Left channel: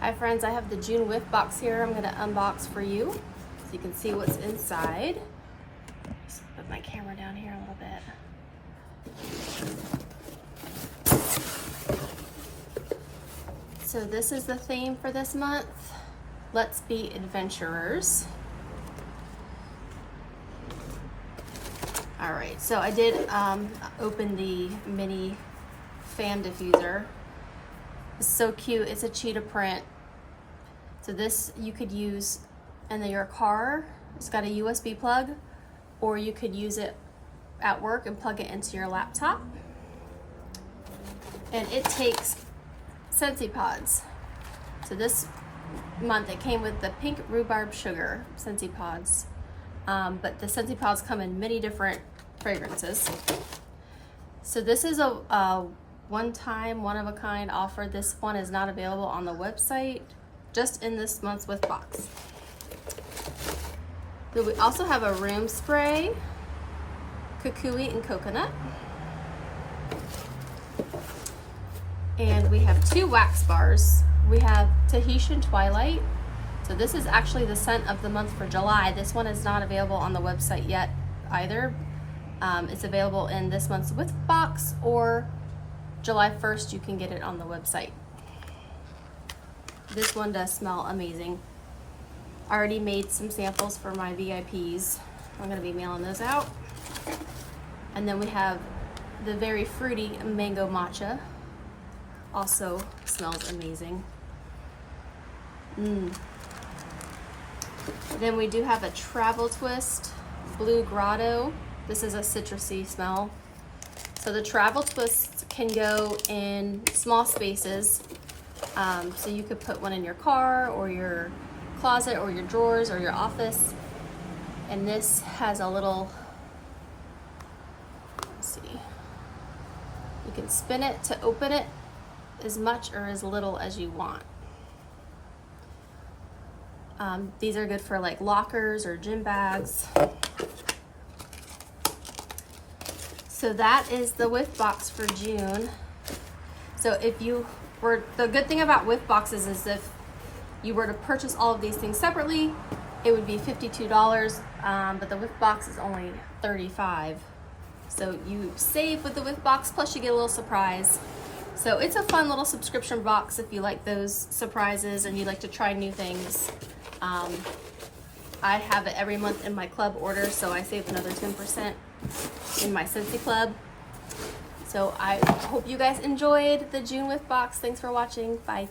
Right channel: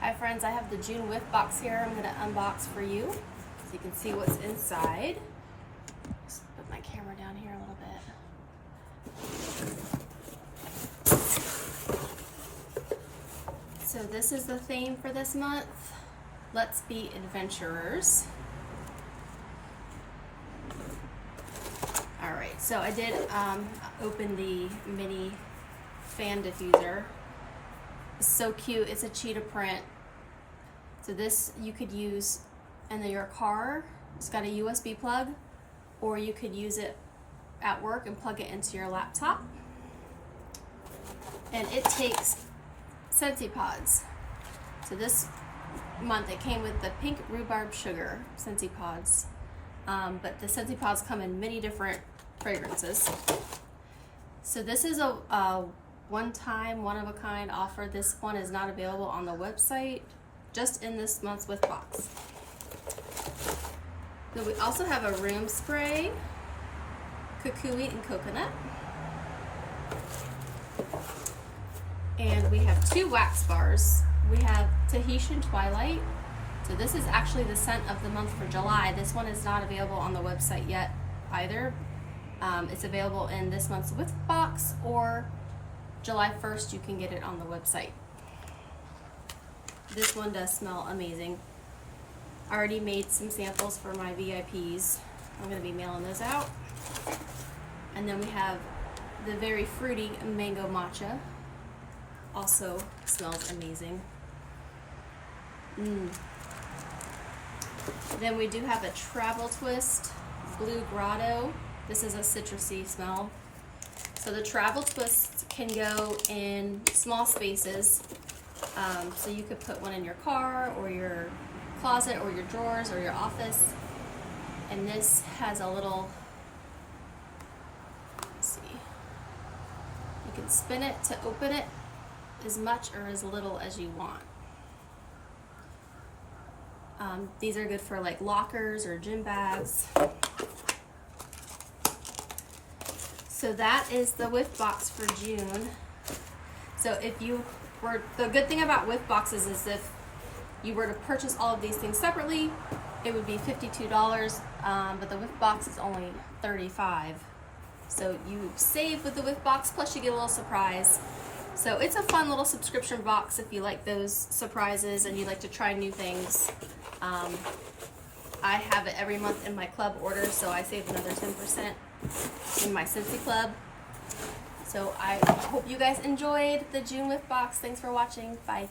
Hi friends, I have the June Whiff box here. I'm gonna unbox for you so you can see what's inside. Just put my camera down here a little bit. So this is the theme for this month. Let's be adventurers. All right, so I did open the mini fan diffuser. It's so cute. It's a cheetah print. So this you could use in your car. It's got a USB plug, or you could use it at work and plug it into your laptop. And it takes Scentsy pods. So this month it came with the pink rhubarb sugar Scentsy pods. But the Scentsy pods come in many different fragrances. So this is a one-time, one-of-a-kind offer. This one is not available on the website, just in this month's Whiff box. So we also have a room spray, kukui and coconut. And we have 2 wax bars. We have Tahitian Twilight. So this is actually the scent of the month for July. This one is not available on the website yet either. It's available in this month's Whiff box, or July 1st you can get it on the website. This one does smell amazing. I already made some samples for my VIPs. I'm going to be mailing those out. And then we have the very fruity mango matcha. Also smells amazing. Then we do have a Travel Twist Blue Grotto. This is a citrusy smell. So the Travel Twist can go in small spaces. So you could put one in your car or your closet or your drawers or your office. And this has a little, let's see, you can spin it to open it as much or as little as you want. These are good for like lockers or gym bags. So that is the Whiff box for June. So if you were, the good thing about Whiff boxes is if you were to purchase all of these things separately, it would be $52, but the Whiff box is only $35. So you save with the Whiff box, plus you get a little surprise. So it's a fun little subscription box if you like those surprises and you like to try new things. I have it every month in my club order, so I save another 10% in my Scentsy club. So I hope you guys enjoyed the June Whiff box. Thanks for watching. Bye.